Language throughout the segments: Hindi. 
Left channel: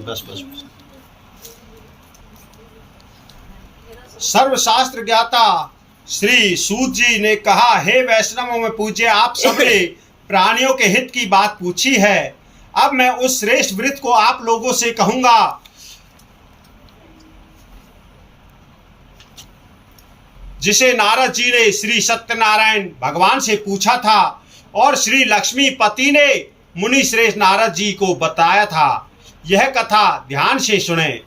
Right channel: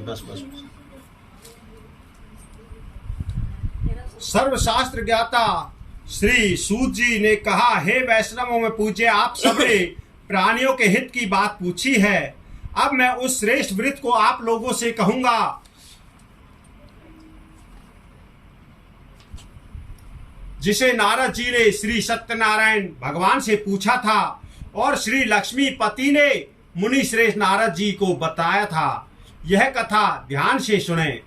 बस बस। सर्वशास्त्र ज्ञाता श्री सूत जी ने कहा, हे वैष्णवों में पूज्य, आप सबने प्राणियों के हित की बात पूछी है। अब मैं उस श्रेष्ठ व्रत को आप लोगों से कहूंगा जिसे नारद जी ने श्री सत्यनारायण भगवान से पूछा था और श्री लक्ष्मीपति ने मुनि श्रेष्ठ नारद जी को बताया था। यह कथा ध्यान से सुने।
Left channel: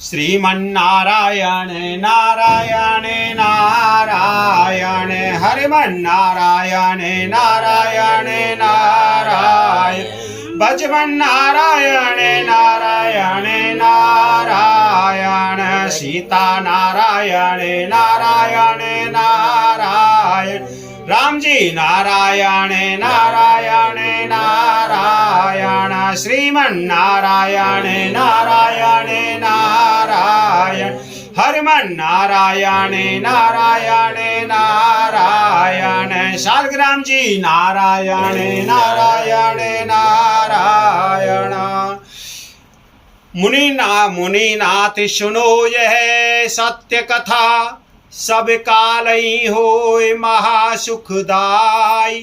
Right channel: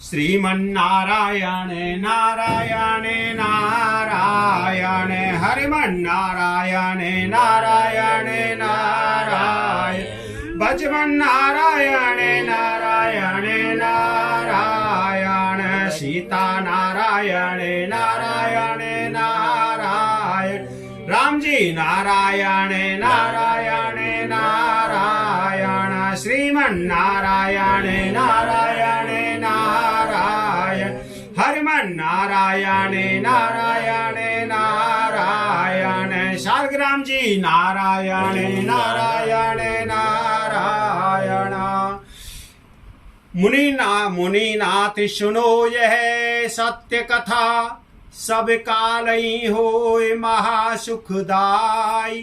श्रीमन्नारायण नारायण नारायण हरिमन्नारायण नारायण नारायण भजमन्नारायण नारायण नारायण सीता नारायण नारायण नारायण राम जी नारायण नारायण नारायण श्रीमन्नारायण नारायण नारायण हरिमन्नारायण नारायण नारायण शालग्राम जी नारायण नारायण नारायण। मुनिनाथ सुनो यह सत्य कथा, सब काल ही होए महासुखदाई।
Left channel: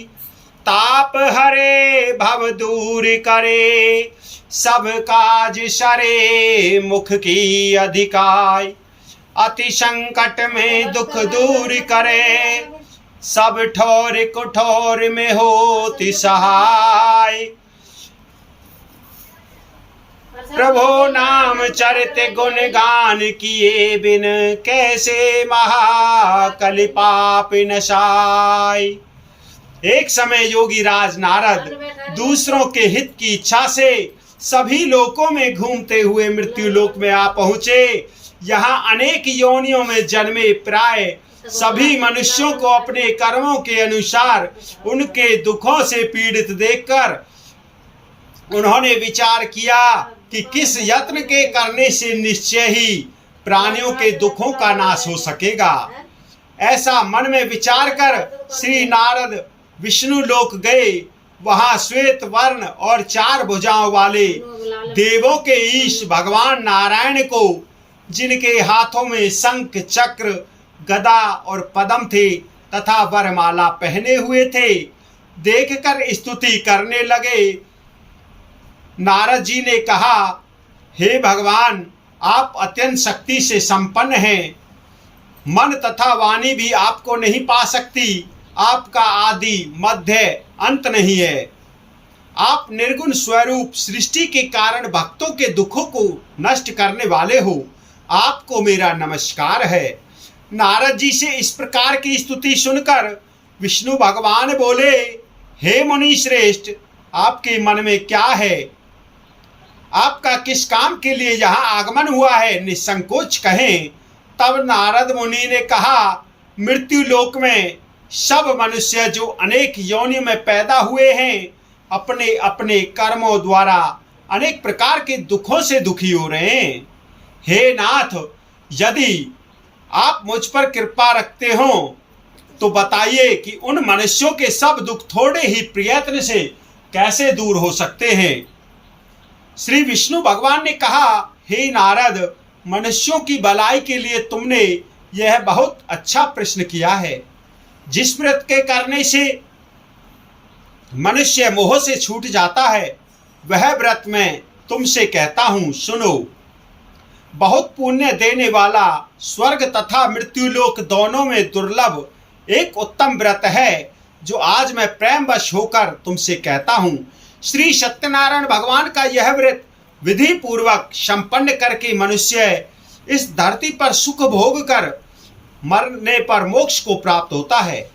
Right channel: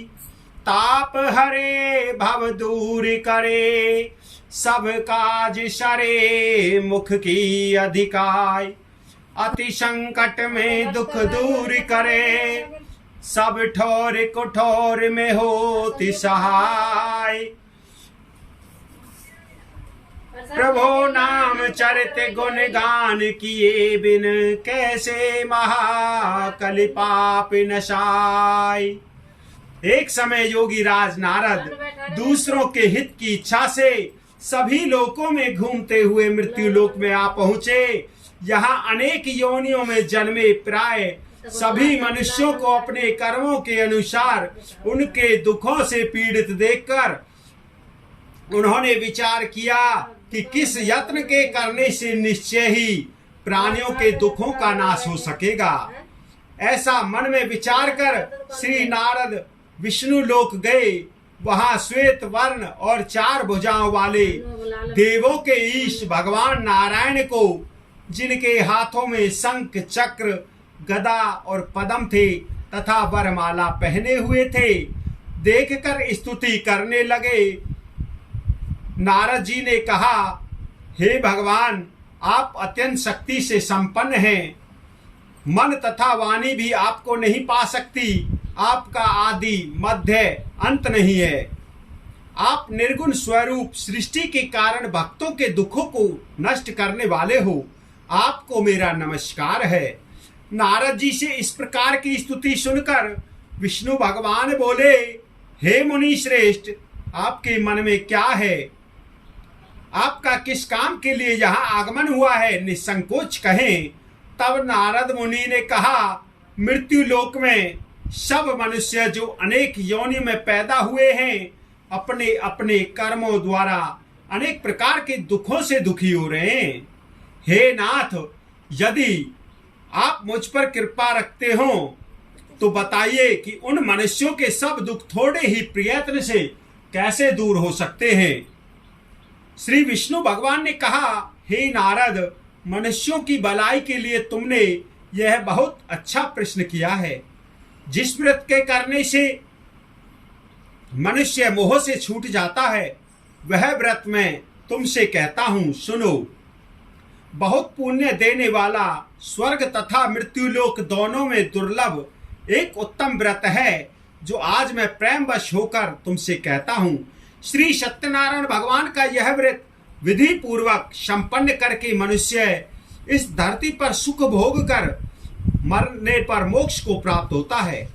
ताप हरे भव दूर करे, सब काज सरे मुख की अधिकाई। अति संकट में दुख दूर करे, सब ठोर कुठोर में होति सहाय। प्रभु नाम चरित गुण गान किए बिन, कैसे महाकलि पाप नशाय। एक समय योगी राज नारद दूसरों के हित की इच्छा से सभी लोकों में घूमते हुए मृत्यु लोक में आ पहुंचे। यहाँ अनेक योनियों में जन्मे प्राय सभी मनुष्यों को अपने कर्मों के अनुसार उनके दुखों से पीड़ित देखकर उन्होंने विचार किया कि किस यत्न के करने से निश्चय ही प्राणियों के दुखों का नाश हो सकेगा। ऐसा मन में विचार कर श्री नारद विष्णु लोक गए। वहां श्वेत वर्ण और 4 भुजाओं वाले देवों के ईश भगवान नारायण को, जिनके हाथों में शंख चक्र गदा और पद्म थे तथा वरमाला पहने हुए थे, देखकर स्तुति करने लगे। नारद जी ने कहा, हे भगवान, आप अत्यंत शक्ति से संपन्न हैं। मन तथा वाणी भी आपको नहीं पा सकती। आपका आदि मध्य अंत नहीं है। आप निर्गुण स्वरूप सृष्टि के कारण भक्तों के दुखों को नष्ट करने वाले हो। आपको मेरा नमस्कार है। नारद जी से इस प्रकार की स्तुति सुनकर विष्णु भगवान बोले, हे मुनि श्रेष्ठ, आपके मन में क्या है? आपका किस काम के लिए यहाँ आगमन हुआ है? निसंकोच कहें। तब नारद मुनि ने कहा, मृत्यु लोक में सब मनुष्य जो अनेक योनि में पैदा हुए हैं, अपने अपने कर्मों द्वारा अनेक प्रकार के दुखों से दुखी हो रहे हैं। हे नाथ, यदि आप मुझ पर कृपा रखते हो तो बताइए कि उन मनुष्यों के सब दुख थोड़े ही प्रयत्न से कैसे दूर हो सकते हैं। श्री विष्णु भगवान ने कहा, हे नारद, मनुष्यों की भलाई के लिए तुमने यह बहुत अच्छा प्रश्न किया है। जिस व्रत के करने से मनुष्य मोह से छूट जाता है, वह व्रत मैं तुमसे कहता हूं, सुनो। बहुत पुण्य देने वाला, स्वर्ग तथा मृत्युलोक दोनों में दुर्लभ एक उत्तम व्रत है, जो आज मैं प्रेमवश होकर तुमसे कहता हूं। श्री सत्यनारायण भगवान का यह व्रत विधि पूर्वक संपन्न करके मनुष्य इस धरती पर सुख भोग कर मरने पर मोक्ष को प्राप्त होता है।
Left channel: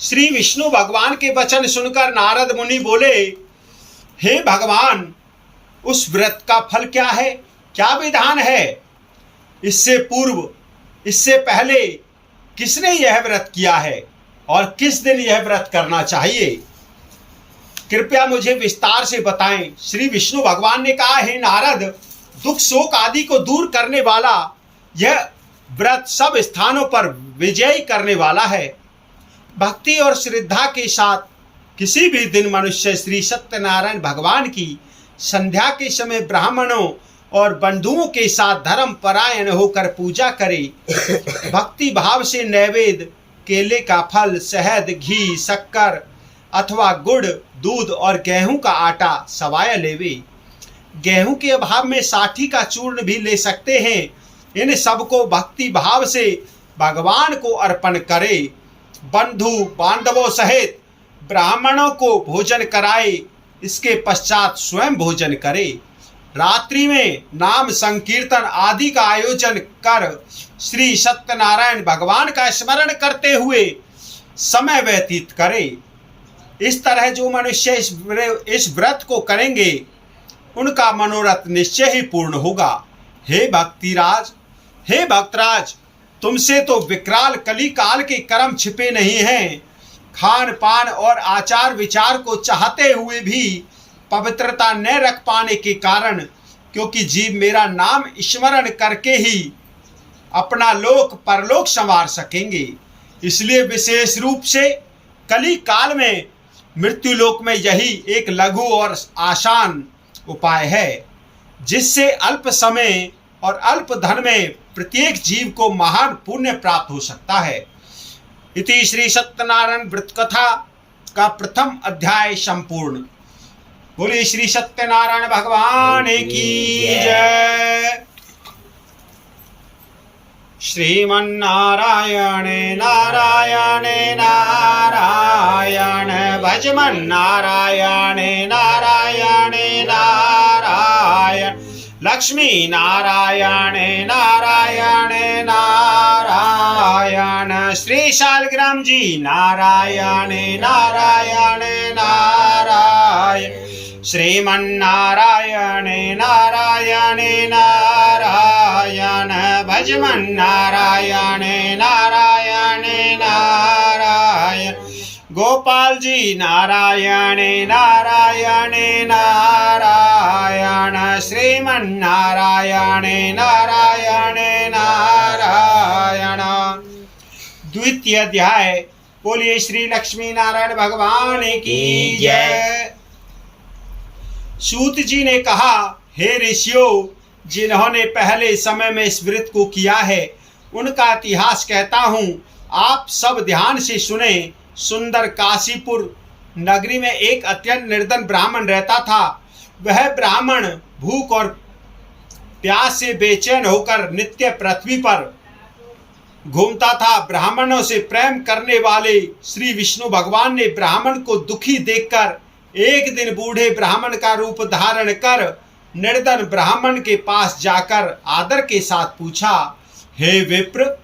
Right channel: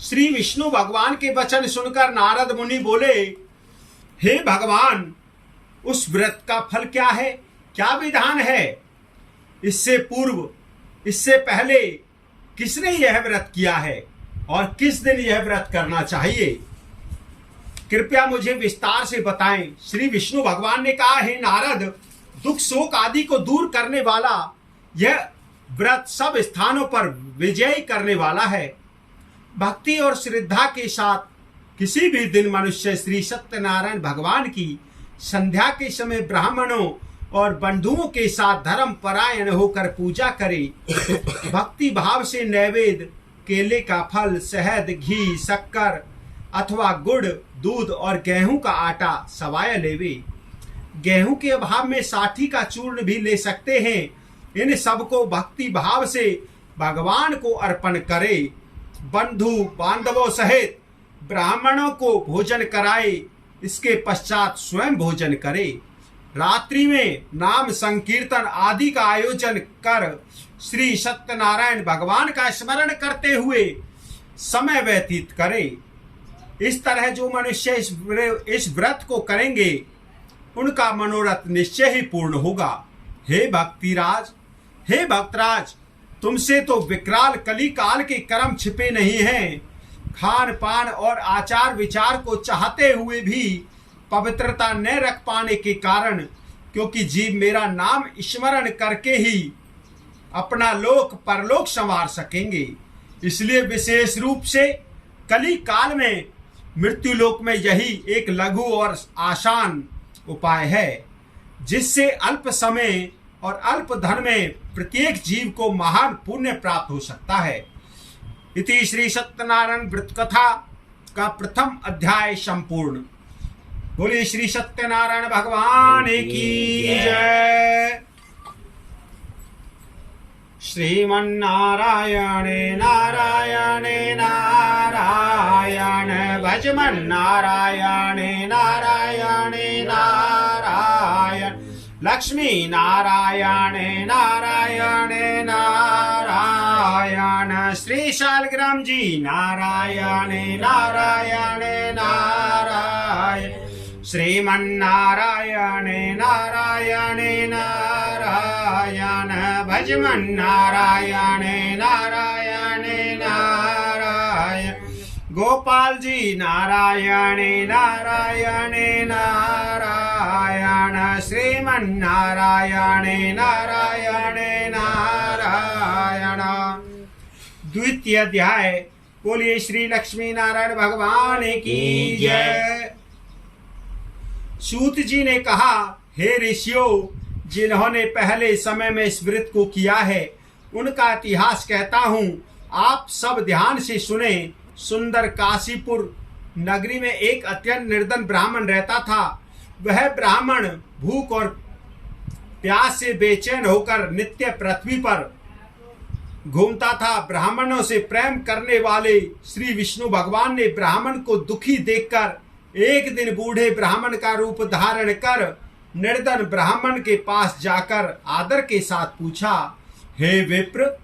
श्री विष्णु भगवान के वचन सुनकर नारद मुनि बोले, हे भगवान, उस व्रत का फल क्या है? क्या विधान है? इससे पूर्व, इससे पहले किसने यह व्रत किया है और किस दिन यह व्रत करना चाहिए? कृपया मुझे विस्तार से बताएं। श्री विष्णु भगवान ने कहा, हे नारद, दुख शोक आदि को दूर करने वाला यह व्रत सब स्थानों पर विजय करने वाला है। भक्ति और श्रद्धा के साथ किसी भी दिन मनुष्य श्री सत्यनारायण भगवान की संध्या के समय ब्राह्मणों और बंधुओं के साथ धर्म परायण होकर पूजा करे। भक्ति भाव से नैवेद्य केले का फल, शहद, घी, शक्कर अथवा गुड़, दूध और गेहूं का आटा सवाया लेवे। गेहूं के अभाव में साठी का चूर्ण भी ले सकते हैं। इन सबको भक्ति भाव से भगवान को अर्पण करे। बंधु बांधवों सहित ब्राह्मणों को भोजन कराए। इसके पश्चात स्वयं भोजन करे। रात्रि में नाम संकीर्तन आदि का आयोजन कर श्री सत्यनारायण भगवान का स्मरण करते हुए समय व्यतीत करे। इस तरह जो मनुष्य इस व्रत को करेंगे उनका मनोरथ निश्चय ही पूर्ण होगा। हे भक्तराज, तुमसे तो विकराल कली काल के कर्म छिपे नहीं हैं। खान पान और आचार विचार को चाहते हुए भी पवित्रता न रख पाने के कारण, क्योंकि जीव मेरा नाम स्मरण करके ही अपना लोक परलोक संवार सकेंगे, इसलिए विशेष रूप से कली काल में मृत्यु लोक में यही एक लघु और आसान उपाय है, जिससे अल्प समय और अल्प धन में प्रत्येक जीव को महान पुण्य प्राप्त हो सकता है। इति श्री सत्यनारायण व्रत कथा का प्रथम अध्याय संपूर्ण। बोलिए श्री सत्यनारायण भगवान की जय। श्रीमन्नारायण नारायण नारायण भजमन नारायण नारायण नारायण लक्ष्मी नारायण नारायण नारायण श्री शालग्राम जी नारायण नारायण नारायण श्रीमन्नारायण नारायण नारायण भजमन नारायण नारायण नारायण गोपाल जी नारायण नारायण नारायण श्रीमन्नारायण नारायण नारायण। द्वितीय अध्याय। बोलिए श्री लक्ष्मी नारायण भगवान की जय। सूत जी ने कहा, हे ऋषियों, जिन्होंने पहले समय में इस व्रत को किया है उनका इतिहास कहता हूँ, आप सब ध्यान से सुने। सुंदर काशीपुर नगरी में एक अत्यंत निर्धन ब्राह्मण रहता था। वह ब्राह्मण भूख और प्यास से बेचैन होकर नित्य पृथ्वी पर घूमता था। ब्राह्मणों से प्रेम करने वाले श्री विष्णु भगवान ने ब्राह्मण को दुखी देखकर एक दिन बूढ़े ब्राह्मण का रूप धारण कर निर्धन ब्राह्मण के पास जाकर आदर के साथ पूछा, हे विप्र,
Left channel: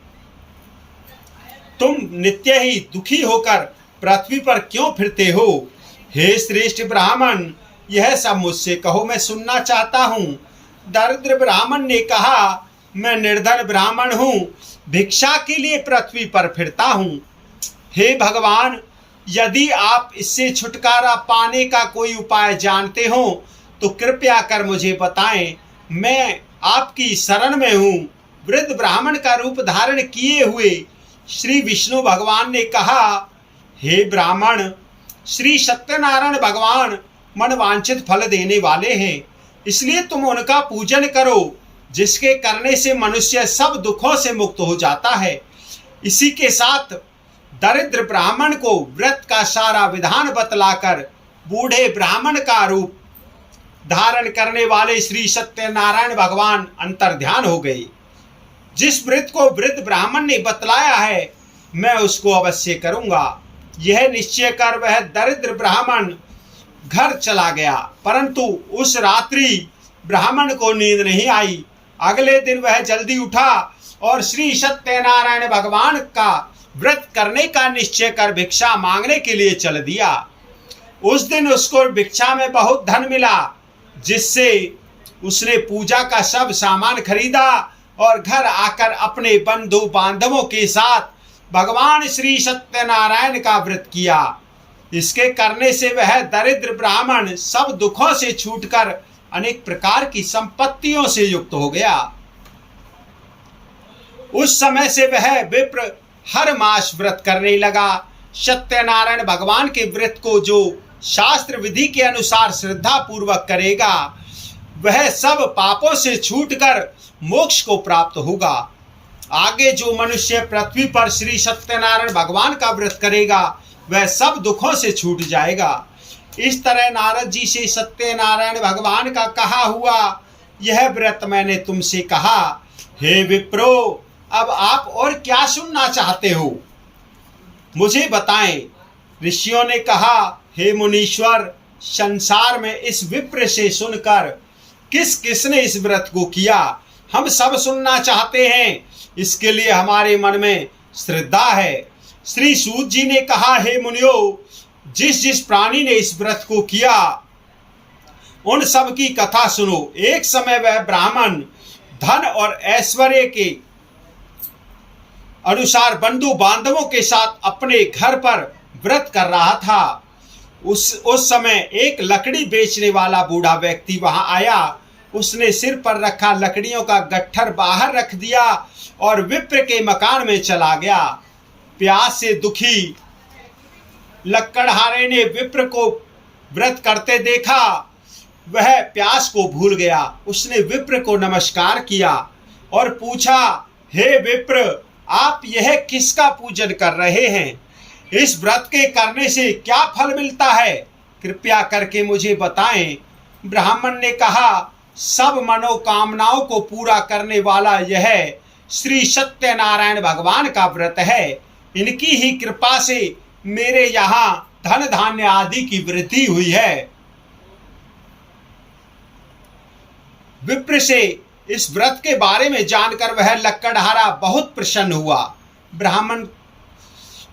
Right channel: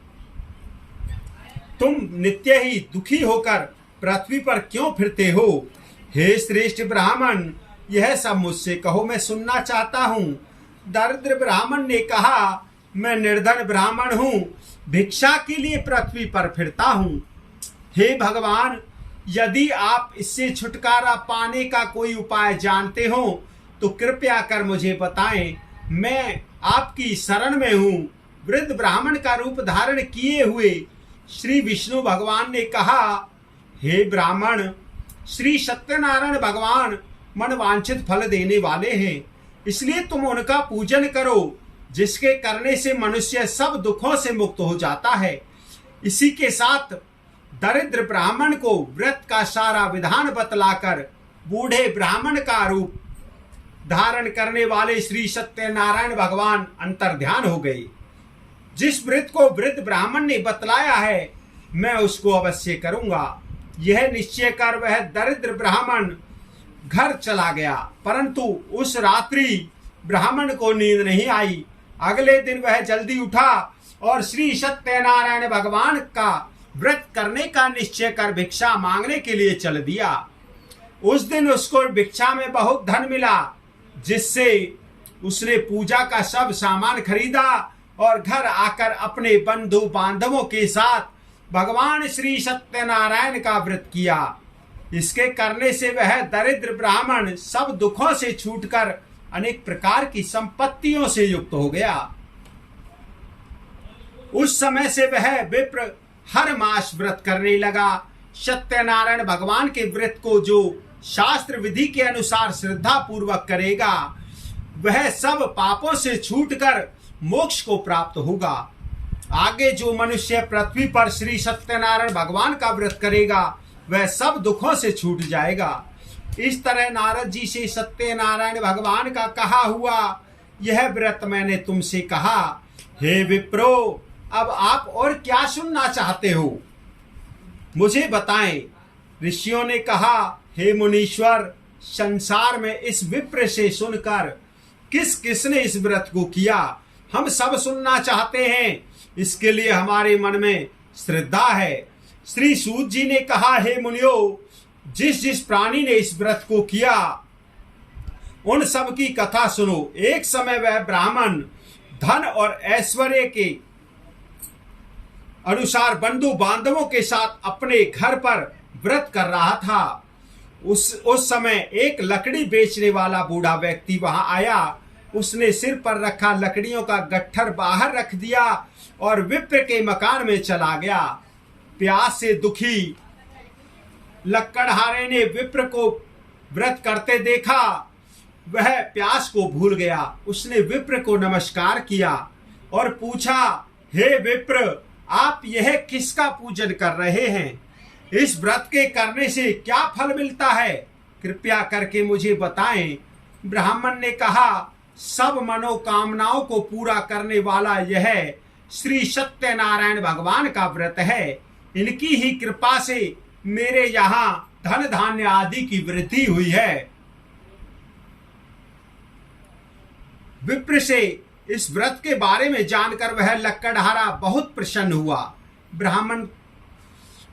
तुम नित्य ही दुखी होकर पृथ्वी पर क्यों फिरते हो? हे श्रेष्ठ ब्राह्मण, यह सब मुझसे कहो, मैं सुनना चाहता हूँ। दरिद्र ब्राह्मण ने कहा, मैं निर्धन ब्राह्मण हूँ, भिक्षा के लिए पृथ्वी पर फिरता हूँ। हे भगवान, यदि आप इससे छुटकारा पाने का कोई उपाय जानते हो तो कृपया कर मुझे बताएं, मैं आपकी शरण में हूँ। वृद्ध ब्राह्मण का रूप धारण किए हुए श्री विष्णु भगवान ने कहा, हे ब्राह्मण, श्री सत्यनारायण भगवान मनवांछित फल देने वाले हैं, इसलिए तुम उनका पूजन करो, जिसके करने से मनुष्य सब दुखों से मुक्त हो जाता है। इसी के साथ दरिद्र ब्राह्मण को व्रत का सारा विधान बतलाकर बूढ़े ब्राह्मण का रूप धारण करने वाले श्री सत्यनारायण भगवान अंतर्ध्यान हो गए। जिस व्रत को वृद्ध ब्राह्मण ने बतलाया है, मैं उसको अवश्य करूंगा, यह निश्चय कर वह दरिद्र ब्राह्मण घर चला गया। परंतु उस रात्रि ब्राह्मण को नींद नहीं आई। अगले दिन वह जल्दी उठा और श्री सत्यनारायण भगवान का व्रत करने का निश्चय कर भिक्षा मांगने के लिए चल दिया। उस दिन उसको भिक्षा में बहुत धन मिला, जिससे उसने पूजा का सब सामान खरीदा और घर आकर अपने बंधु बांधवों के साथ भगवान श्री सत्यनारायण का व्रत किया। इसके करने से वह दरिद्र ब्राह्मण सब दुखों से छूटकर अनेक प्रकार की संपत्तियों से युक्त हो गया। उस समय से वह विप्र हर मास व्रत करने लगा। सत्यनारायण भगवान के व्रत को जो शास्त्र विधि के अनुसार श्रद्धा पूर्वक करेगा वह सब पापों से छूटकर मोक्ष को प्राप्त होगा। आगे जो मनुष्य पृथ्वी पर श्री सत्यनारायण भगवान का व्रत करेगा वह सब दुखों से छूट जाएगा। इस तरह नारद जी से सत्यनारायण भगवान का कहा हुआ यह व्रत मैंने तुमसे कहा। हे विप्रो, अब आप और क्या सुनना चाहते हो, मुझे बताएं। ऋषियों ने कहा, हे मुनीश्वर, संसार में इस विप्र से सुनकर किस किसने इस व्रत को किया, हम सब सुनना चाहते हैं। इसके लिए हमारे मन में श्रद्धा है। श्री सूत जी ने कहा, हे मुनियो, जिस जिस प्राणी ने इस व्रत को किया उन सब की कथा सुनो। एक समय वह ब्राह्मण धन और ऐश्वर्य के अनुसार बंधु बांधवों के साथ अपने घर पर व्रत कर रहा था। उस समय एक लकड़ी बेचने वाला बूढ़ा व्यक्ति वहां आया। उसने सिर पर रखा लकड़ियों का गट्ठर बाहर रख दिया और विप्र के मकान में चला गया। प्यास से दुखी लक्कड़हारे ने विप्र को व्रत करते देखा। वह प्यास को भूल गया। उसने विप्र को नमस्कार किया और पूछा, हे विप्र, आप यह किसका पूजन कर रहे हैं? इस व्रत के करने से क्या फल मिलता है? कृपया करके मुझे बताएं। ब्राह्मण ने कहा, सब मनोकामनाओं को पूरा करने वाला यह श्री सत्यनारायण भगवान का व्रत है। इनकी ही कृपा से मेरे यहाँ धन धान्य आदि की वृद्धि हुई है। विप्र से इस व्रत के बारे में जानकर वह लक्कड़हारा बहुत प्रसन्न हुआ। ब्राह्मण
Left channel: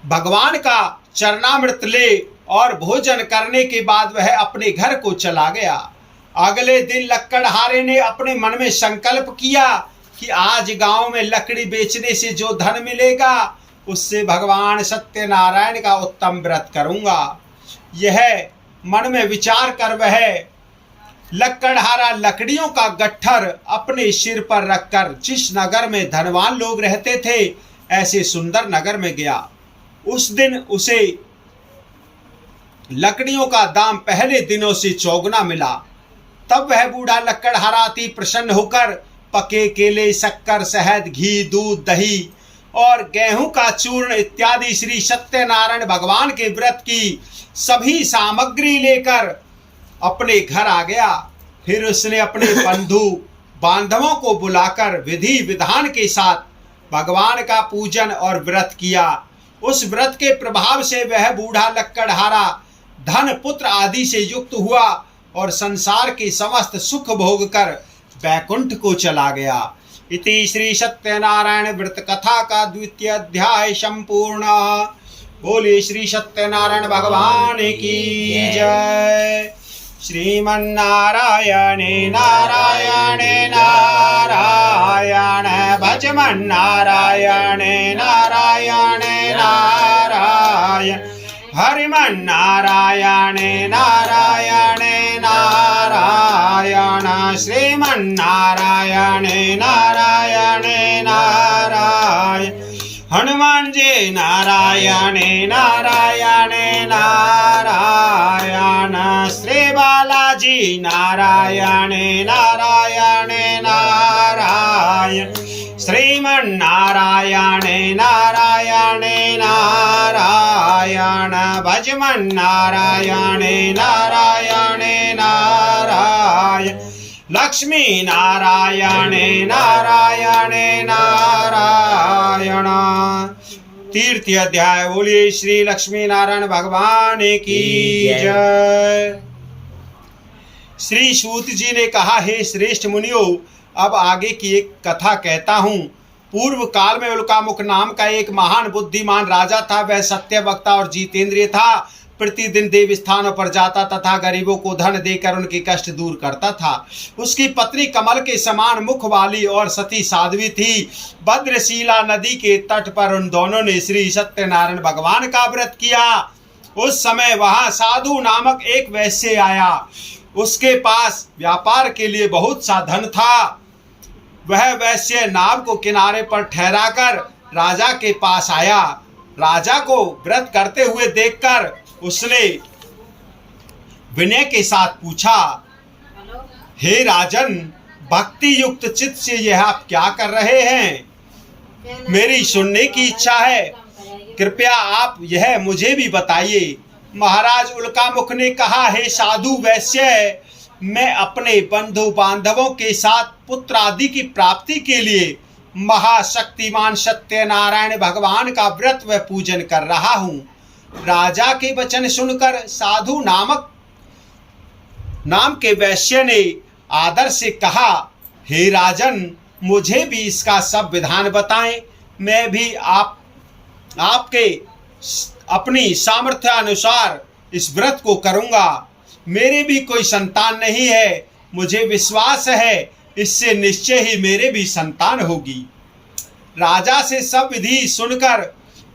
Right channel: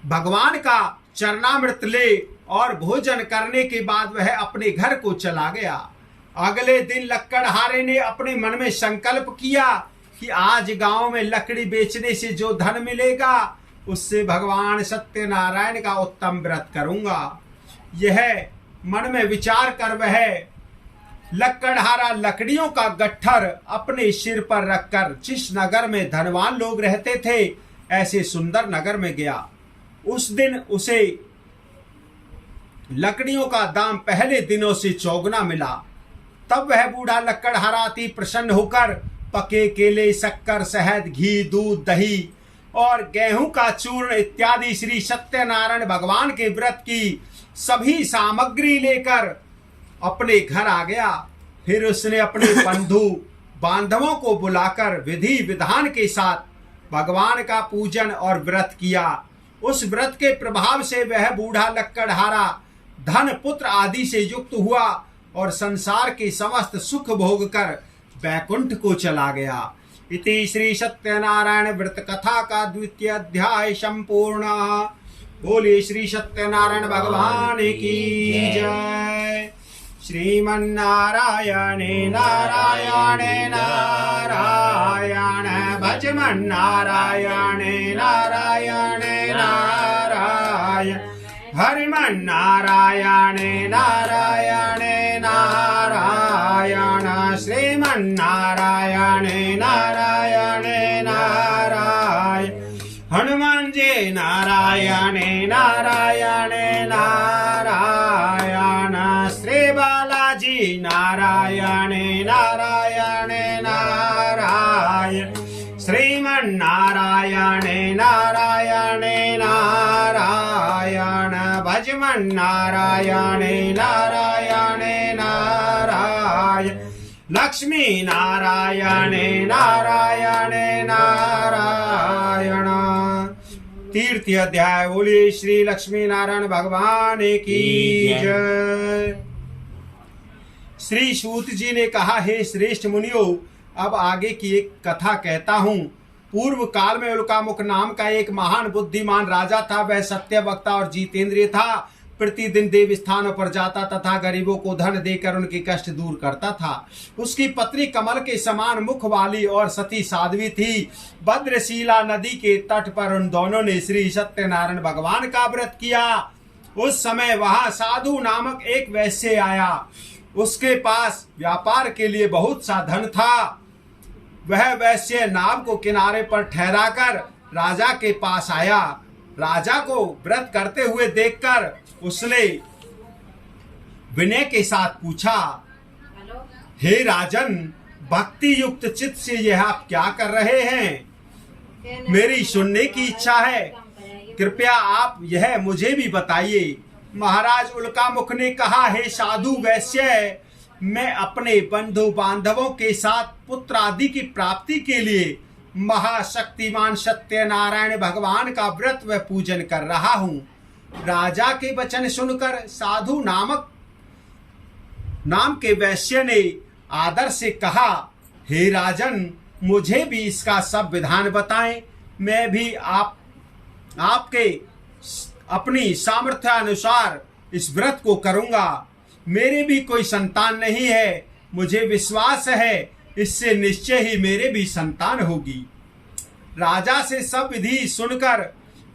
भगवान का चरणामृत ले और भोजन करने के बाद वह अपने घर को चला गया। अगले दिन लक्कड़हारे ने अपने मन में संकल्प किया कि आज गांव में लकड़ी बेचने से जो धन मिलेगा उससे भगवान सत्यनारायण का उत्तम व्रत करूंगा। यह मन में विचार कर वह लक्कड़हारा लकड़ियों का गट्ठर अपने सिर पर रखकर जिस नगर में धनवान लोग रहते थे ऐसे सुंदर नगर में गया। उस दिन उसे लकड़ियों का दाम पहले दिनों से चौगुना मिला। तब वह बूढ़ा लक्कड़हारा अति प्रसन्न होकर पके केले, शक्कर, शहद, घी, दूध, दही और गेहूं का चूर्ण इत्यादि श्री सत्यनारायण भगवान के व्रत की सभी सामग्री लेकर अपने घर आ गया। फिर उसने अपने बंधु बांधवों को बुलाकर विधि विधान के साथ भगवान का पूजन और व्रत किया। उस व्रत के प्रभाव से वह बूढ़ा लक्कड़हारा धन पुत्र आदि से युक्त हुआ और संसार के समस्त सुख भोग कर वैकुंठ को चला गया। इति श्री सत्यनारायण व्रत कथा का 2वां अध्याय संपूर्ण। बोलिए श्री सत्यनारायण भगवान की जय। श्रीमन्नारायणे नारायणे नारायण भजमन्नारायणे नारायणे नारायण हरिमन्नारायणे नारायणे नारायण श्रीमन्नारायणे नारायणे नारायण हनुमान जी नारायणे नारायणे नारायण श्री बालाजी नारायणे नारायणे नारायण श्रीमन्नारायणे नारायणे नारायण भजमन्नारायणे नारायणे नारायण लक्ष्मी नारायणे नारायणे नारायण। तीर्थ अध्याय। बोलिए श्री लक्ष्मी नारायण भगवान की जय। श्री सूत जी ने कहा, हे श्रेष्ठ मुनियों, अब आगे की एक कथा कहता हूँ। पूर्व काल में उल्कामुख नाम का एक महान बुद्धिमान राजा था। वह सत्य वक्ता और जितेंद्रिय था। प्रतिदिन देव स्थानों पर जाता तथा गरीबों को धन देकर उनके कष्ट दूर करता था। उसकी पत्नी कमल के समान मुख वाली और सती साध्वी थी। भद्रशिला नदी के तट पर उन दोनों ने श्री सत्यनारायण भगवान का व्रत किया। उस समय वहां साधु नामक एक वैश्य आया। उसके पास व्यापार के लिए बहुत सा धन था। वह वैश्य नाव को किनारे पर ठहराकर राजा के पास आया। राजा को व्रत करते हुए देखकर उसने विनय के साथ पूछा, हे राजन, भक्ति युक्त चित्त से यह आप क्या कर रहे हैं? मेरी सुनने की इच्छा है, कृपया आप यह मुझे भी बताइए। महाराज उल्कामुख ने कहा, हे साधु वैश्य, मैं अपने बंधु बांधवों के साथ पुत्र आदि की प्राप्ति के लिए महाशक्तिमान सत्यनारायण भगवान का व्रत व पूजन कर रहा हूँ। राजा के वचन सुनकर साधु नाम के वैश्य ने आदर से कहा, हे राजन, मुझे भी इसका सब विधान बताएं। मैं भी आपके अपनी सामर्थ्य अनुसार इस व्रत को करूंगा। मेरे भी कोई संतान नहीं है, मुझे विश्वास है इससे निश्चय ही मेरे भी संतान होगी। राजा से सब विधि सुनकर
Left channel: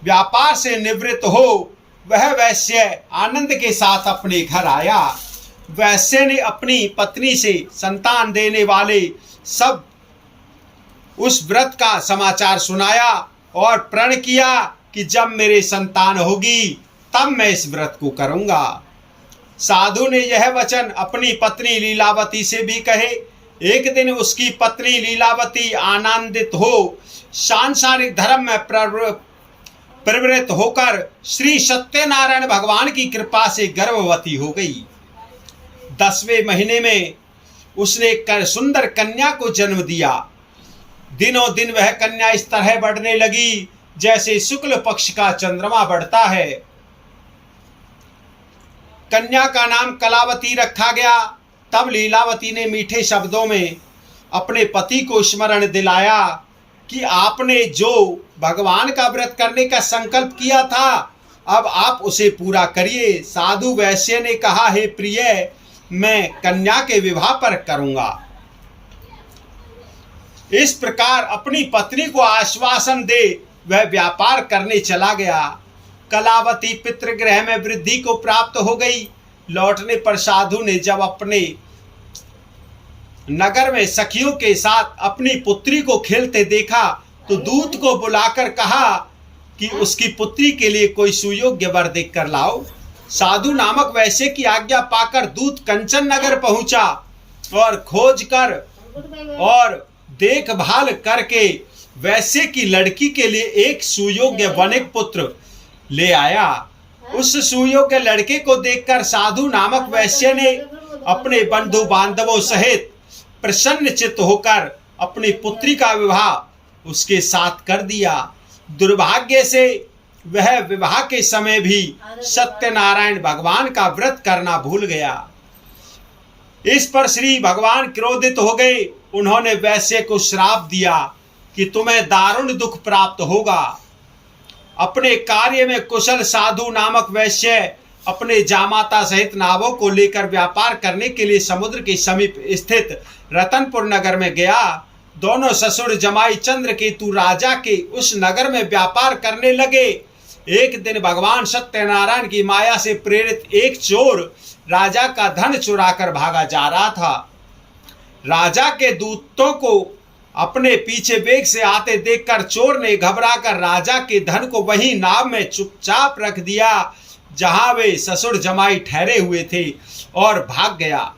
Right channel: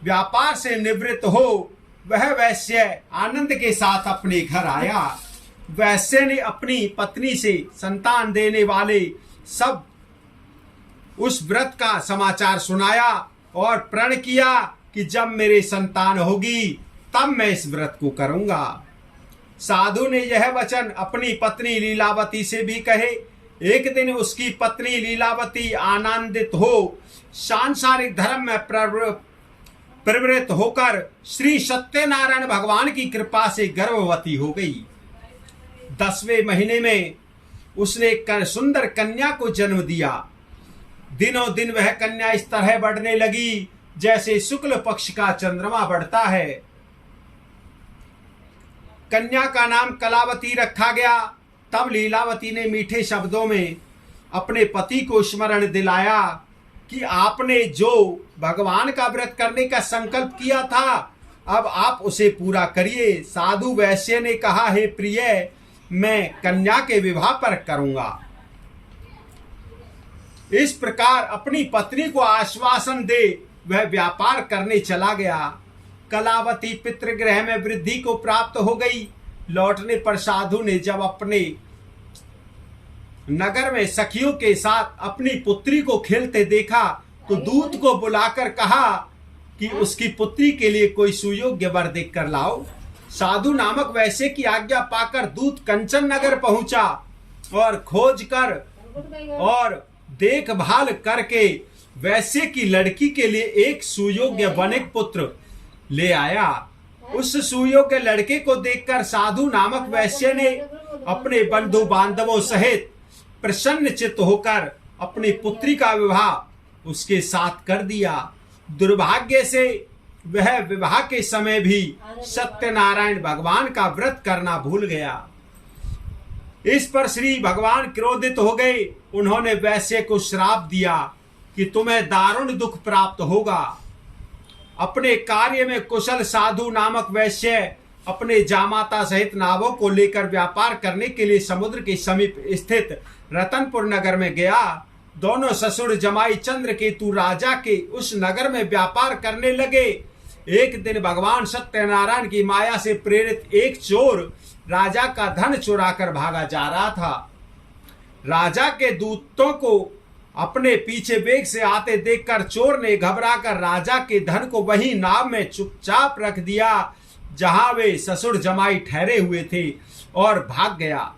व्यापार से निवृत्त हो वह वैश्य आनंद के साथ अपने घर आया। वैश्य ने अपनी पत्नी से संतान देने वाले सब उस व्रत का समाचार सुनाया और प्रण किया कि जब मेरे संतान होगी तब मैं इस व्रत को करूंगा। साधु ने यह वचन अपनी पत्नी लीलावती से भी कहे। एक दिन उसकी पत्नी लीलावती आनंदित हो सांसारिक धर्म में प्रवृत्त होकर श्री सत्यनारायण भगवान की कृपा से गर्भवती हो गई। 10वें महीने में उसने एक सुंदर कन्या को जन्म दिया। दिनों दिन वह कन्या इस तरह बढ़ने लगी जैसे शुक्ल पक्ष का चंद्रमा बढ़ता है। कन्या का नाम कलावती रखा गया। तब लीलावती ने मीठे शब्दों में अपने पति को स्मरण दिलाया कि आपने जो भगवान का व्रत करने का संकल्प किया था, अब आप उसे पूरा करिए। साधु वैश्य ने कहा, हे प्रिय, मैं कन्या के विवाह पर करूंगा। इस प्रकार अपनी पत्नी को आश्वासन दे वह व्यापार करने चला गया। कलावती पितृगृह में वृद्धि को प्राप्त हो गई। लौटने पर साधु ने जब अपने नगर में सखियों के साथ अपनी पुत्री को खेलते देखा तो दूत को बुलाकर कहा कि उसकी पुत्री के लिए कोई सुयोग्य वर देख कर लाओ। साधु नामक वैश्य की आज्ञा पाकर दूत कंचन नगर पहुंचा और खोज कर और देखभाल करके वैश्य की लड़की के लिए एक सुयोग्य वनिक पुत्र ले आया। उस सुयोग्य लड़के को देखकर साधु नामक वैश्य ने अपने बंधु बांधवों सहित प्रसन्न चित्त होकर अपनी पुत्री का विवाह उसके साथ कर दिया। दुर्भाग्य से वह विवाह के समय भी सत्यनारायण भगवान का व्रत करना भूल गया। इस पर श्री भगवान क्रोधित हो गए। उन्होंने वैश्य को श्राप दिया कि तुम्हें दारुण दुख प्राप्त होगा। अपने कार्य में कुशल साधु नामक वैश्य अपने जामाता सहित नावों को लेकर व्यापार करने के लिए समुद्र के समीप स्थित रतनपुर नगर में गया। दोनों ससुर जमाई चंद्रकेतु राजा के उस नगर में व्यापार करने लगे। एक दिन भगवान सत्यनारायण की माया से प्रेरित एक चोर राजा का धन चुराकर भागा जा रहा था। राजा के दूतों को अपने पीछे वेग से आते देखकर चोर ने घबराकर राजा के धन को वहीं नाव में चुपचाप रख दिया जहां वे ससुर जमाई ठहरे हुए थे और भाग गया।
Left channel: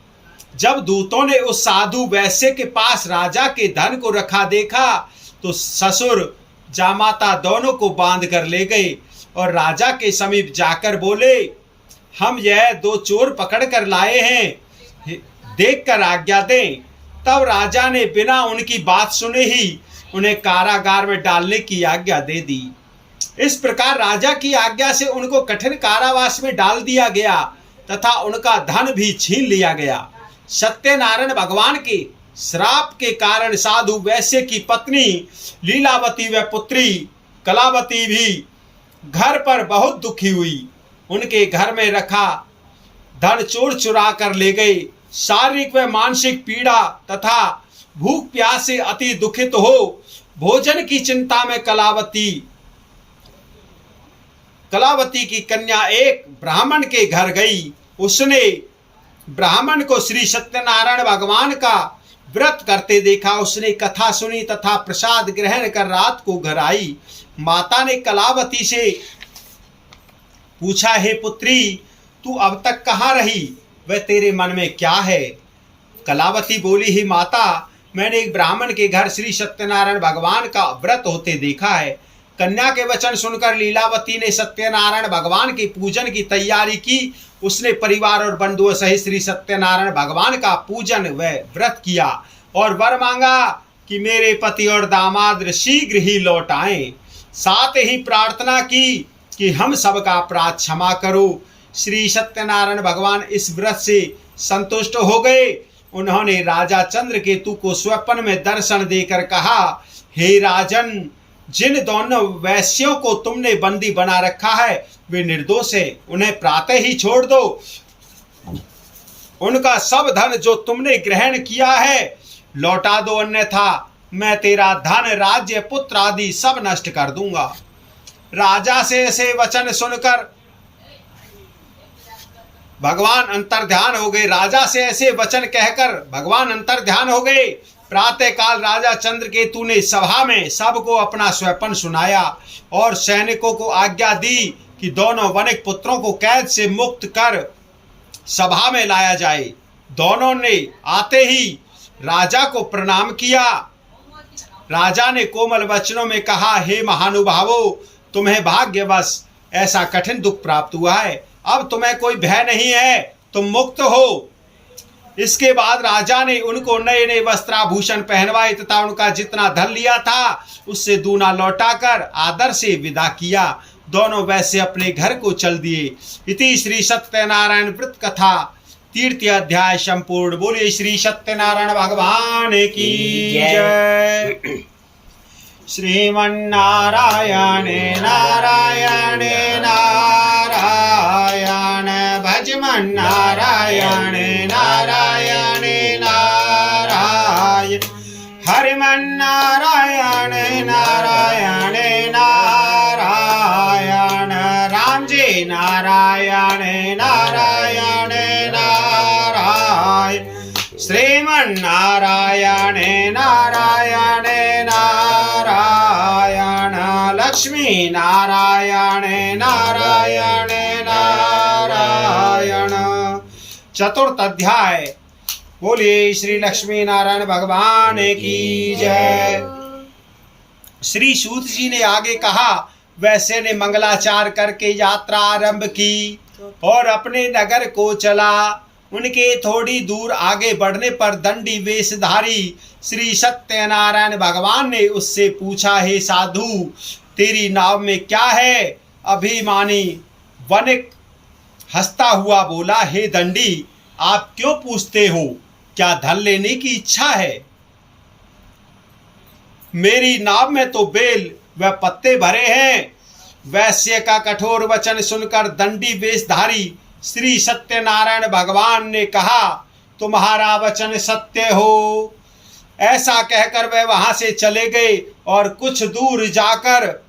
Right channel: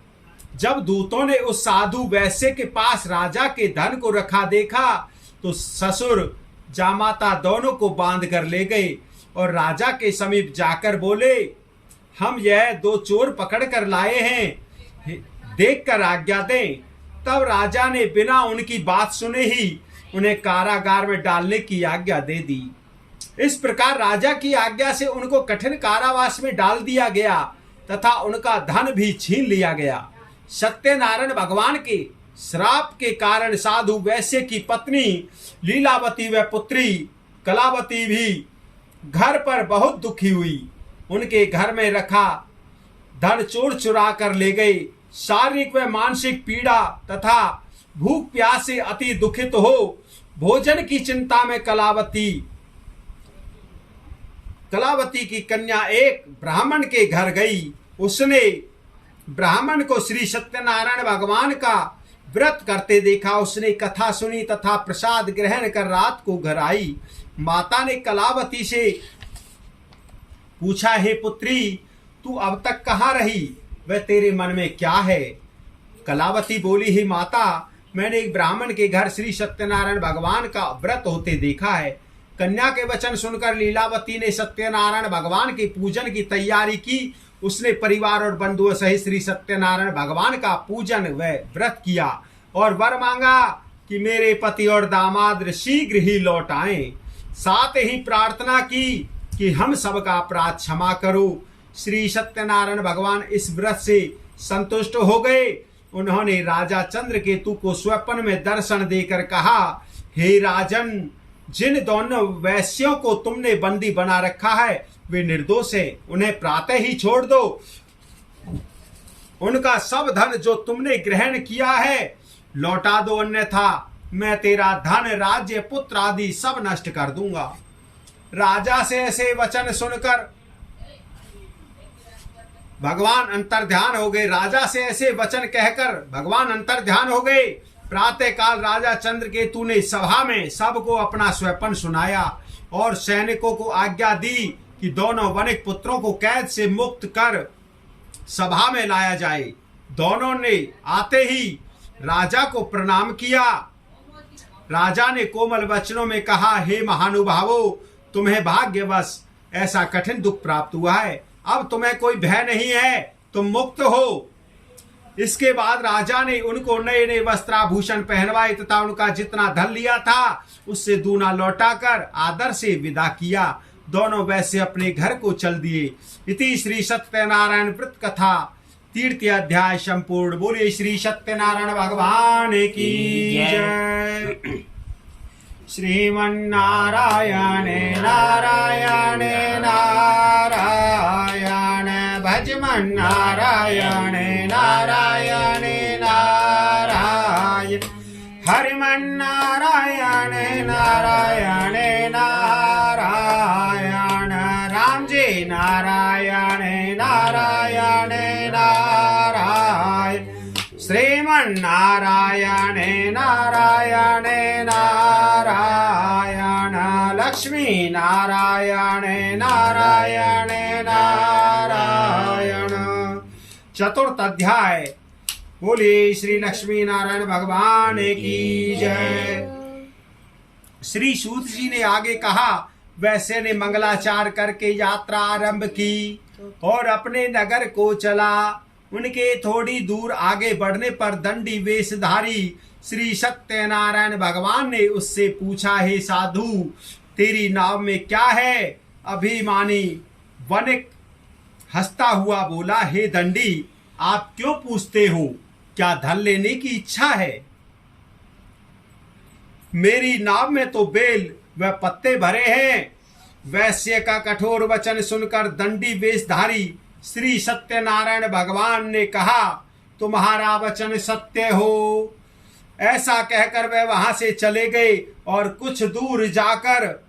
जब दूतों ने उस साधु वैश्य के पास राजा के धन को रखा देखा तो ससुर जामाता दोनों को बांध कर ले गए और राजा के समीप जाकर बोले, हम यह दो चोर पकड़ कर लाए हैं, देखकर आज्ञा दें। तब राजा ने बिना उनकी बात सुने ही उन्हें कारागार में डालने की आज्ञा दे दी। इस प्रकार राजा की आज्ञा से उनको कठिन कारावास में डाल दिया गया तथा उनका धन भी छीन लिया गया। सत्यनारायण भगवान के श्राप के कारण साधु वैश्य की पत्नी लीलावती व पुत्री कलावती भी घर पर बहुत दुखी हुई। उनके घर में रखा धन चोर चुरा कर ले गए। शारीरिक व मानसिक पीड़ा तथा भूख प्यास से अति दुखित हो भोजन की चिंता में कलावती की कन्या एक ब्राह्मण के घर गई। उसने ब्राह्मण को श्री सत्यनारायण भगवान का व्रत करते देखा। उसने कथा सुनी तथा प्रसाद ग्रहण कर रात को घर आई। माता ने कलावती से पूछा, हे पुत्री, तू अब तक कहाँ रही? वह तेरे मन में क्या है? कलावती बोली, ही माता, मैंने एक ब्राह्मण के घर श्री सत्यनारायण भगवान का व्रत होते देखा है। कन्या के वचन सुनकर लीलावती ने सत्यनारायण भगवान के पूजन की तैयारी की। उसने परिवार और बंधुओं सहित श्री सत्यनारायण भगवान का पूजन व व्रत किया और वर मांगा कि मेरे पति और दामाद शीघ्र ही लौट आएं। साथ ही प्रार्थना की कि हम सबका अपराध क्षमा करो। श्री सत्यनारायण भगवान इस व्रत से संतुष्ट हो गए। उन्होंने राजा चंद्रकेतु को स्वप्न में दर्शन देकर कहा, हे राजन, जिन दोनों वैश्यों को तुमने बंदी बना रखा है वे निर्दोष है, उन्हें प्रातः ही छोड़ दो। उनका सब धन जो तुमने ग्रहण किया है लौटा दो, अन्यथा मैं तेरा धन, राज्य, पुत्र आदि सब नष्ट कर दूंगा। राजा से ऐसे वचन सुनकर भगवान अंतर्ध्यान हो गए। राजा से ऐसे वचन कहकर भगवान अंतर्ध्यान हो गए। प्रातः काल राजा चंद्रकेतु ने सभा में सबको अपना स्वप्न सुनाया और सैनिकों को आज्ञा दी कि दोनों वनिक पुत्रों को कैद से मुक्त कर सभा में लाया जाए। दोनों ने आते ही राजा को प्रणाम किया। राजा ने कोमल वचनों में कहा, हे महानुभावों, तुम्हें भाग्यवश ऐसा कठिन दुख प्राप्त हुआ है। अब तुम्हें कोई भय नहीं है, तुम मुक्त हो। इसके बाद राजा ने उनको नए नए वस्त्राभूषण पहनवाए तथा उनका जितना धन लिया था उससे दूना लौटाकर आदर से विदा किया। दोनों वैसे अपने घर को चल दिए। इति श्री सत्यनारायण व्रत कथा 3 अध्याय संपूर्ण। बोले श्री सत्यनारायण भगवान की जय। श्रीमन्नारायण नारायण नारायण भजमन्नारायण नारायण नारायण हरिमन्नारायण नारायण नारायण राम जी नारायण नारायण नारायण श्रीमन्नारायण नारायण नारायण लक्ष्मी नारायण नारायण नारायण। चतुर्थ अध्याय। बोलिए श्री लक्ष्मी नारायण भगवान की जय। श्री सूत जी ने आगे कहा, वैसे ने मंगलाचार करके यात्रा आरंभ की और अपने नगर को चला। उनके थोड़ी दूर आगे बढ़ने पर दंडी वेशधारी श्री सत्यनारायण भगवान ने उससे पूछा, हे साधु, तेरी नाव में क्या है? अभिमानी वनिक हंसता हुआ बोला, हे दंडी, आप क्यों पूछते हो? क्या धन लेने की इच्छा है? मेरी नाव में तो बेल व पत्ते भरे हैं। वैश्य का कठोर वचन सुनकर दंडी वेशधारी श्री सत्यनारायण भगवान ने कहा, तुम्हारा वचन सत्य हो। ऐसा कहकर वे वहां से चले गए और कुछ दूर जाकर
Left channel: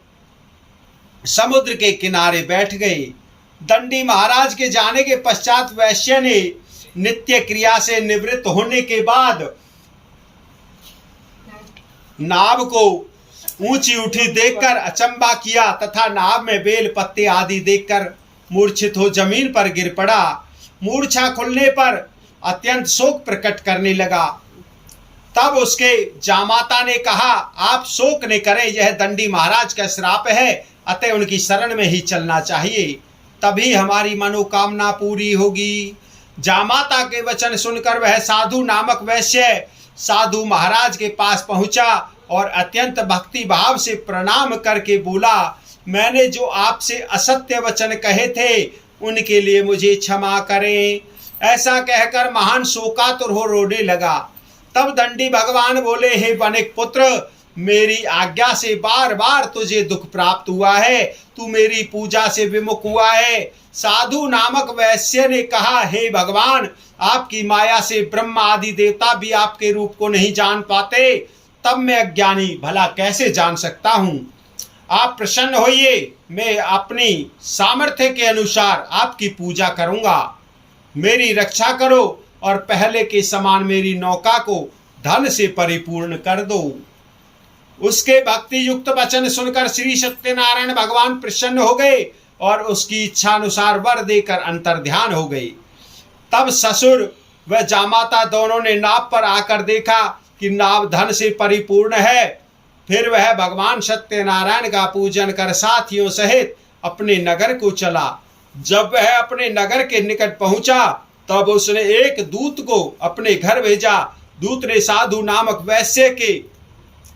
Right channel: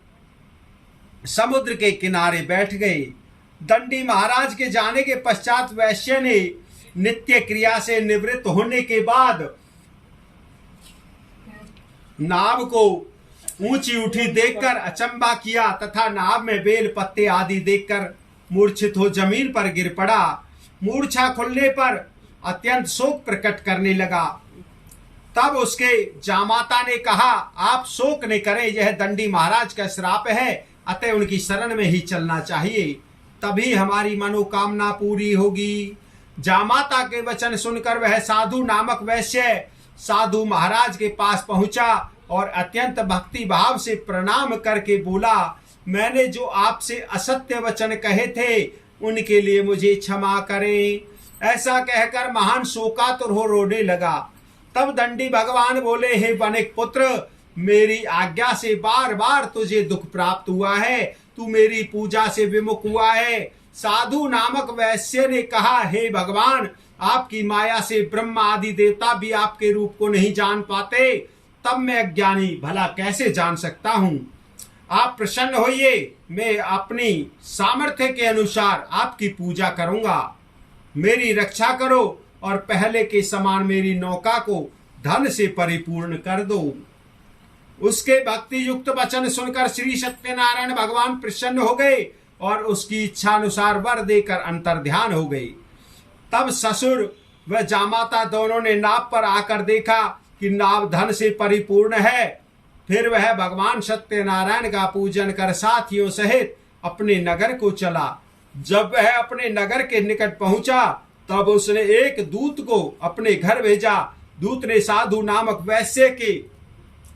समुद्र के किनारे बैठ गए। दंडी महाराज के जाने के पश्चात वैश्य ने नित्य क्रिया से निवृत्त होने के बाद नाव को ऊंची उठी देखकर अचंबा किया तथा नाव में बेल पत्ते आदि देखकर मूर्छित हो जमीन पर गिर पड़ा। मूर्छा खुलने पर अत्यंत शोक प्रकट करने लगा। तब उसके जामाता ने कहा, आप शोक न करें, यह दंडी महाराज का श्राप है, अतः उनकी शरण में ही चलना चाहिए, तभी हमारी मनोकामना पूरी होगी। जामाता के वचन सुनकर वह साधु नामक वैश्य साधु महाराज के पास पहुंचा और अत्यंत भक्ति भाव से प्रणाम करके बोला, मैंने जो आपसे असत्य वचन कहे थे उनके लिए मुझे क्षमा करें। ऐसा कहकर महान शोकातुर हो रोने लगा। तब दंडी भगवान बोले, हे वनिक पुत्र, मेरी आज्ञा से बार बार तुझे दुख प्राप्त हुआ है, तू मेरी पूजा से विमुख हुआ है। साधु नामक वैश्य ने कहा, हे भगवान, आपकी माया से ब्रह्मा आदि देवता भी आपके रूप को नहीं जान पाते, तब मैं अज्ञानी भला कैसे जान सकता हूँ। आप प्रसन्न होइए, मैं अपनी सामर्थ्य के अनुसार आपकी पूजा करूंगा। मेरी रक्षा करो और पहले के समान मेरी नौका को धन से परिपूर्ण कर दो। उसके भक्ति युक्त वचन सुनकर श्री सत्यनारायण भगवान प्रसन्न हो गए और उसकी इच्छा अनुसार वर देकर अंतर्ध्यान हो गए। तब ससुर व जामाता दोनों ने नाव पर आकर देखा कि नाव धन से परिपूर्ण है। फिर वह भगवान सत्यनारायण का पूजन कर साथियों सहित अपने नगर को चला। जब वह अपने नगर के निकट पहुंचा तब उसने एक दूत को अपने घर भेजा। दूत ने साधु नामक वैश्य के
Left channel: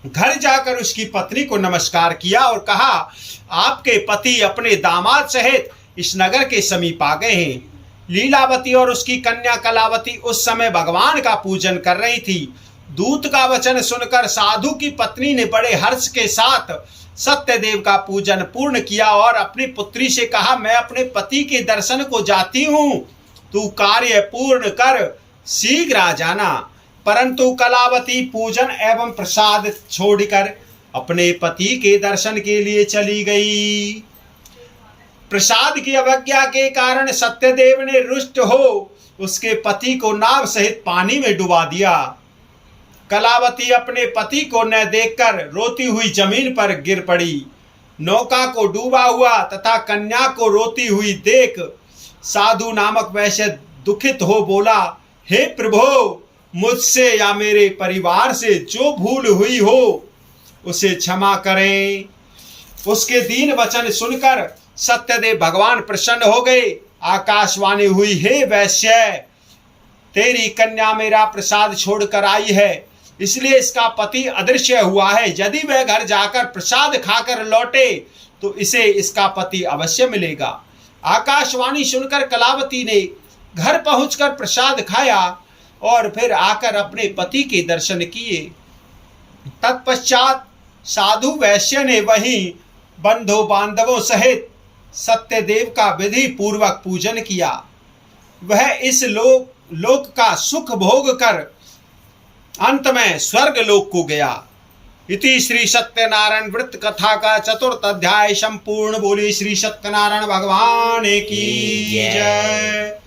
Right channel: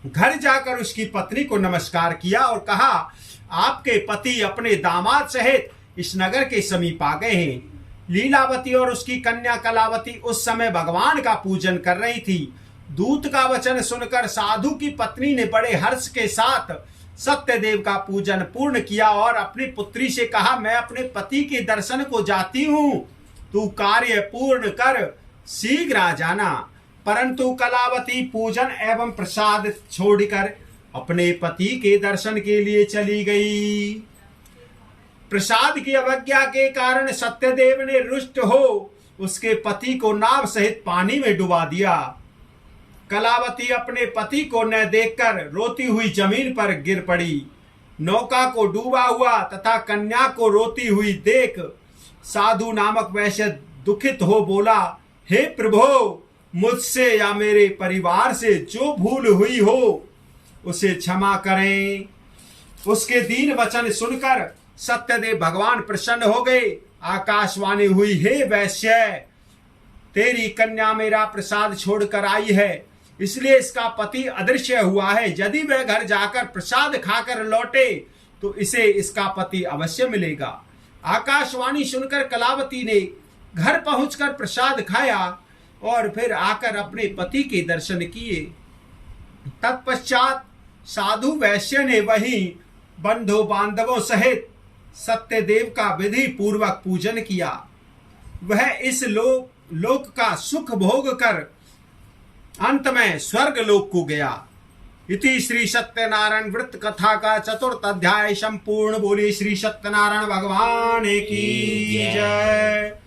घर जाकर उसकी पत्नी को नमस्कार किया और कहा, आपके पति अपने दामाद सहित इस नगर के समीप आ गए हैं। लीलावती और उसकी कन्या कलावती उस समय भगवान का पूजन कर रही थी। दूत का वचन सुनकर साधु की पत्नी ने बड़े हर्ष के साथ सत्यदेव का पूजन पूर्ण किया और अपनी पुत्री से कहा, मैं अपने पति के दर्शन को जाती हूँ, तू कार्य पूर्ण कर शीघ्र आ जाना। परंतु कलावती पूजन एवं प्रसाद छोड़कर अपने पति के दर्शन के लिए चली गई। प्रसाद की अवज्ञा के कारण सत्यदेव ने रुष्ट हो उसके पति को नाव सहित पानी में डुबा दिया। कलावती अपने पति को न देखकर रोती हुई जमीन पर गिर पड़ी। नौका को डूबा हुआ तथा कन्या को रोती हुई देख साधु नामक वैश्य दुखित हो बोला, हे प्रभु, मुझसे या मेरे परिवार से जो भूल हुई हो उसे क्षमा करें। उसके दीन वचन सुनकर सत्यदेव भगवान प्रसन्न हो गए। आकाशवाणी हुई, हे वैश्य, तेरी कन्या मेरा प्रसाद छोड़कर आई है, इसलिए इसका पति अदृश्य हुआ है। यदि वह घर जाकर प्रसाद खाकर लौटे तो इसे इसका पति अवश्य मिलेगा। आकाशवाणी सुनकर कलावती ने घर पहुंचकर प्रसाद खाया और फिर आकर अपने पति के दर्शन किए। तत्पश्चात साधु वैश्य ने वहीं बंधु बांधवों सहित सत्यदेव का विधि पूर्वक पूजन किया। वह इस लोक का सुख भोग कर अंत में स्वर्ग लोक को गया। इति श्री सत्यनारायण व्रत कथा का 4th अध्याय संपूर्ण। बोले श्री सत्यनारायण भगवान की जय।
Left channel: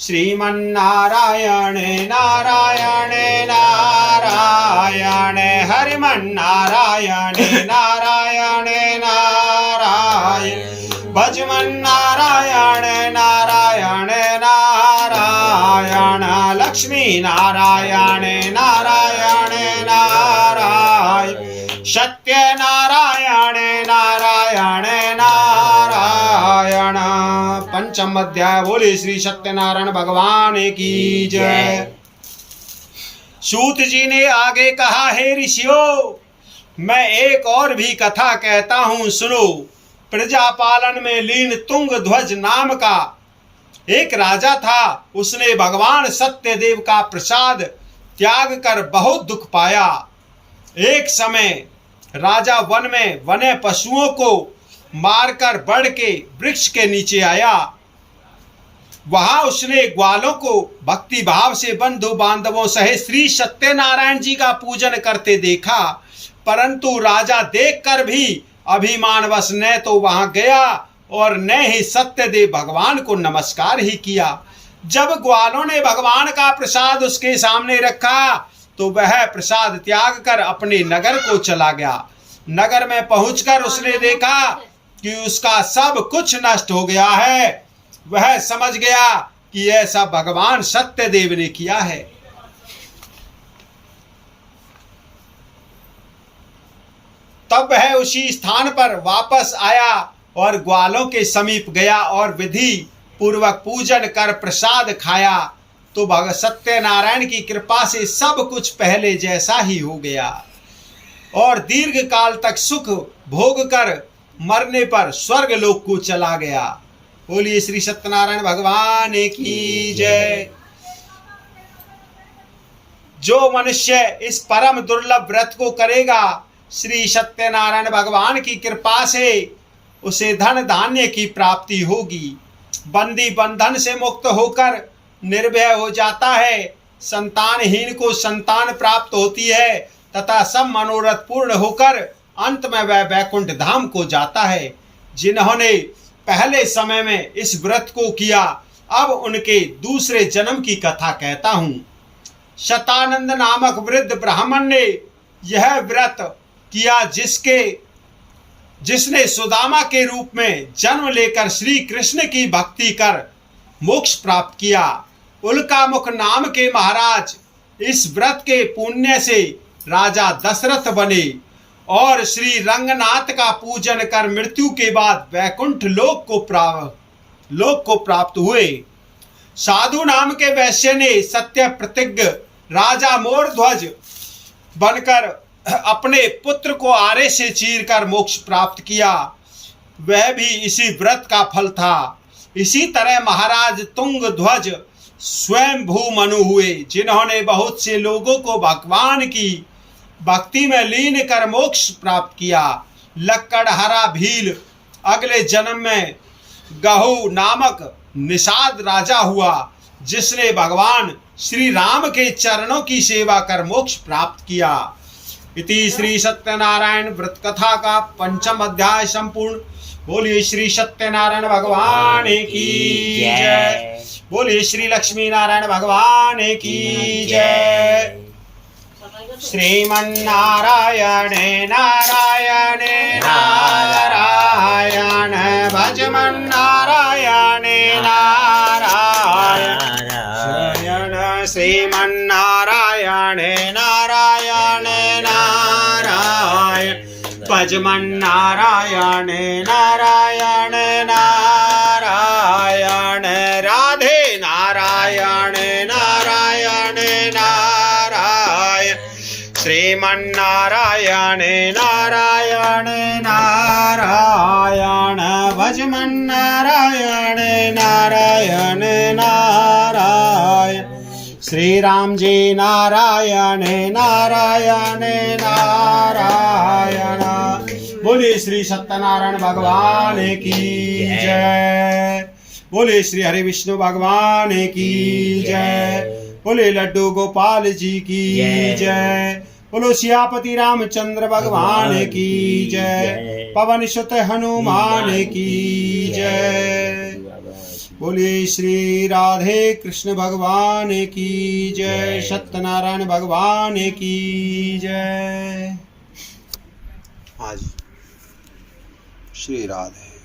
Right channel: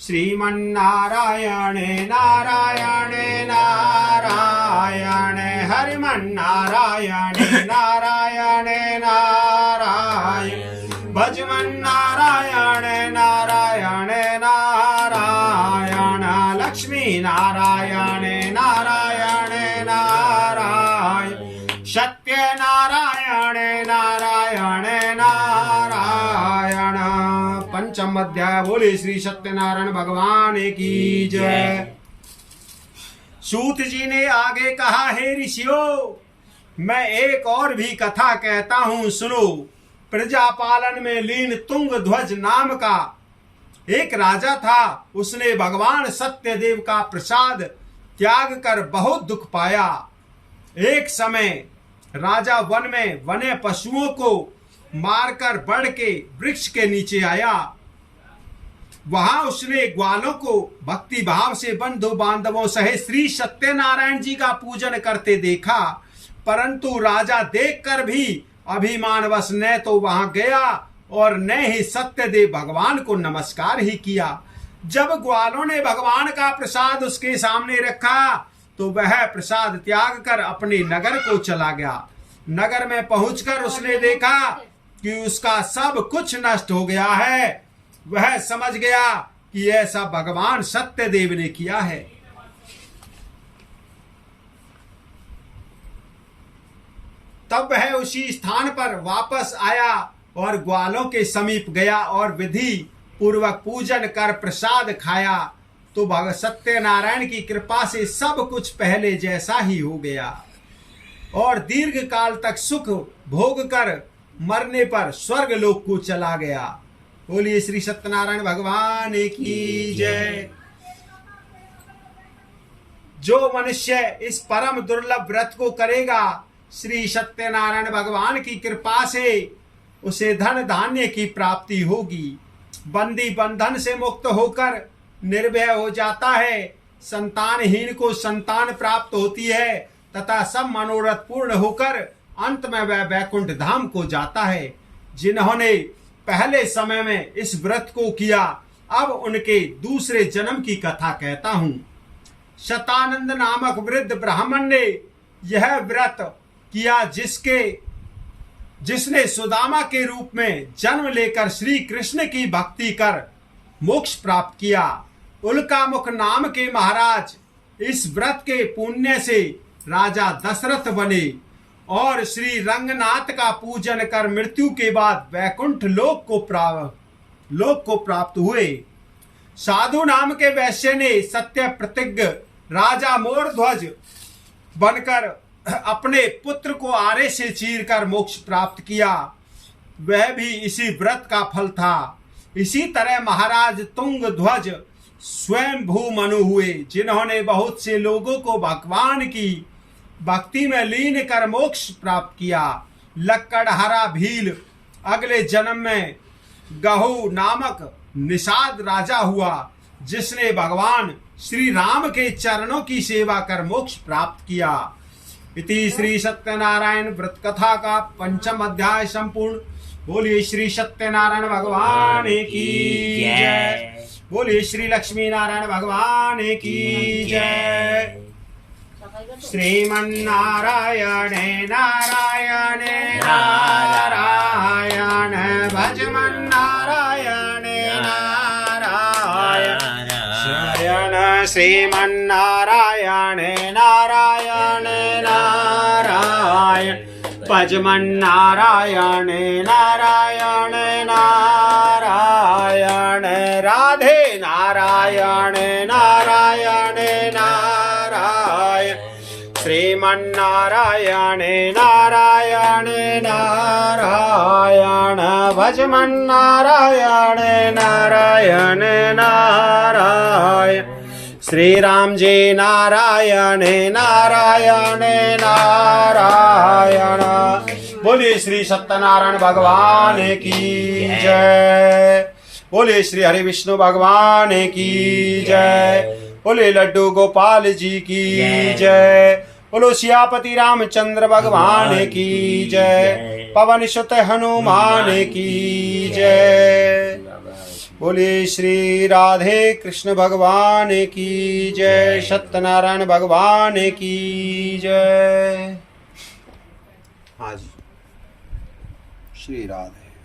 श्रीमन्नारायण नारायण नारायण हरिमन्नारायण नारायण नारायण भजमन्नारायण नारायण नारायण लक्ष्मी नारायण नारायण नारायण सत्यनारायण नारायण नारायण। पंचम अध्याय। बोले श्री सत्यनारायण भगवान की जय। सूत जी ने आगे कहा, हे ऋषियों, मैं एक और भी कथा कहता हूं, सुनो। प्रजापालन में लीन तुंग ध्वज नाम का एक राजा था। उसने भगवान सत्यदेव का प्रसाद त्याग कर बहुत दुख पाया। एक समय राजा वन में वन्य पशुओं को मारकर बढ़ के वृक्ष के नीचे आया। वहां उसने ग्वालों को भक्ति भाव से बंधु बांधवों सहित श्री सत्यनारायण जी का पूजन करते देखा। परंतु राजा देखकर भी अभिमानवश न तो वहां गया और न ही सत्यदेव भगवान को नमस्कार ही किया। जब ग्वालों ने भगवान का प्रसाद उसके सामने रखा तो वह प्रसाद त्याग कर अपने नगर को चला गया। नगर में पहुंचकर उसने देखा कि उसका सब कुछ नष्ट हो गया है। वह समझ गया कि ऐसा भगवान सत्यदेव ने किया है। तब वह उसी स्थान पर वापस आया और ग्वालों के समीप गया और विधि पूर्वक पूजन कर प्रसाद खाया तो भगवान सत्यनारायण की कृपा से सब कुछ पहले जैसा ही हो गया और दीर्घ काल तक सुख भोग कर मरने पर स्वर्ग लोक को चला गया। बोलिए श्री सत्यनारायण भगवान की जय। जो मनुष्य इस परम दुर्लभ व्रत को करेगा, श्री सत्यनारायण भगवान की कृपा से उसे धन धान्य की प्राप्ति होगी। बंदी बंधन से मुक्त होकर निर्भय हो जाता है। संतानहीन को संतान प्राप्त होती है तथा सब मनोरथ पूर्ण होकर अंत में वह वैकुंठ धाम को जाता है। जिन्होंने पहले समय में इस व्रत को किया, अब उनके दूसरे जन्म की कथा कहता हूं। शतानंद नामक वृद्ध ब्राह्मण ने यह व्रत किया जिसने सुदामा के रूप में जन्म लेकर श्री कृष्ण की भक्ति कर मोक्ष प्राप्त किया। उल्कामुख नाम के महाराज इस व्रत के पुण्य से राजा दशरथ बने और श्री रंगनाथ का पूजन कर मृत्यु के बाद वैकुंठ लोक को प्राप्त हुए। साधु नाम के वैश्य ने सत्य प्रतिज्ञ राजा मोरध्वज बनकर अपने पुत्र को आरे से चीरकर मोक्ष प्राप्त किया, वह भी इसी व्रत का फल था। इसी तरह महाराज तुंगध्वज स्वयं भूमनु हुए, जिन्होंने बहुत से लोगों को भगवान की भक्ति में लीन कर मोक्ष प्राप्त किया। लक्कड़हरा भील अगले जन्म में गहू नामक निषाद राजा हुआ, जिसने भगवान श्री राम के चरणों की सेवा कर मोक्ष प्राप्त किया। इति श्री सत्यनारायण व्रत कथा का 5वां अध्याय संपूर्ण। बोलिए श्री सत्यनारायण भगवान की जय। बोलिए श्री लक्ष्मी नारायण भगवान की जय। श्रीमन्नारायण नारायण नारायण भजमन्नारायण नारायण श्रीमन्नारायण नारायण नारायण भजमन्नारायण नारायण नारायण राधे नारायण नारायण नारायण श्रीमन्नारायण नारायण नारायण भजमन्नारायण नारायण नारायण श्री राम जी नारायण नारायण नारायण। बोलिए श्री सत्यनारायण भगवान की जय। बोलिए श्री हरि विष्णु भगवान की जय। बोले लड्डू गोपाल जी की जय। बोलो सियापति रामचंद्र भगवान की जय। पवन सुत हनुमान की जय। बोले श्री राधे कृष्ण भगवान की जय। सत्यनारायण भगवान की जय। हाँ जी, श्री राधे।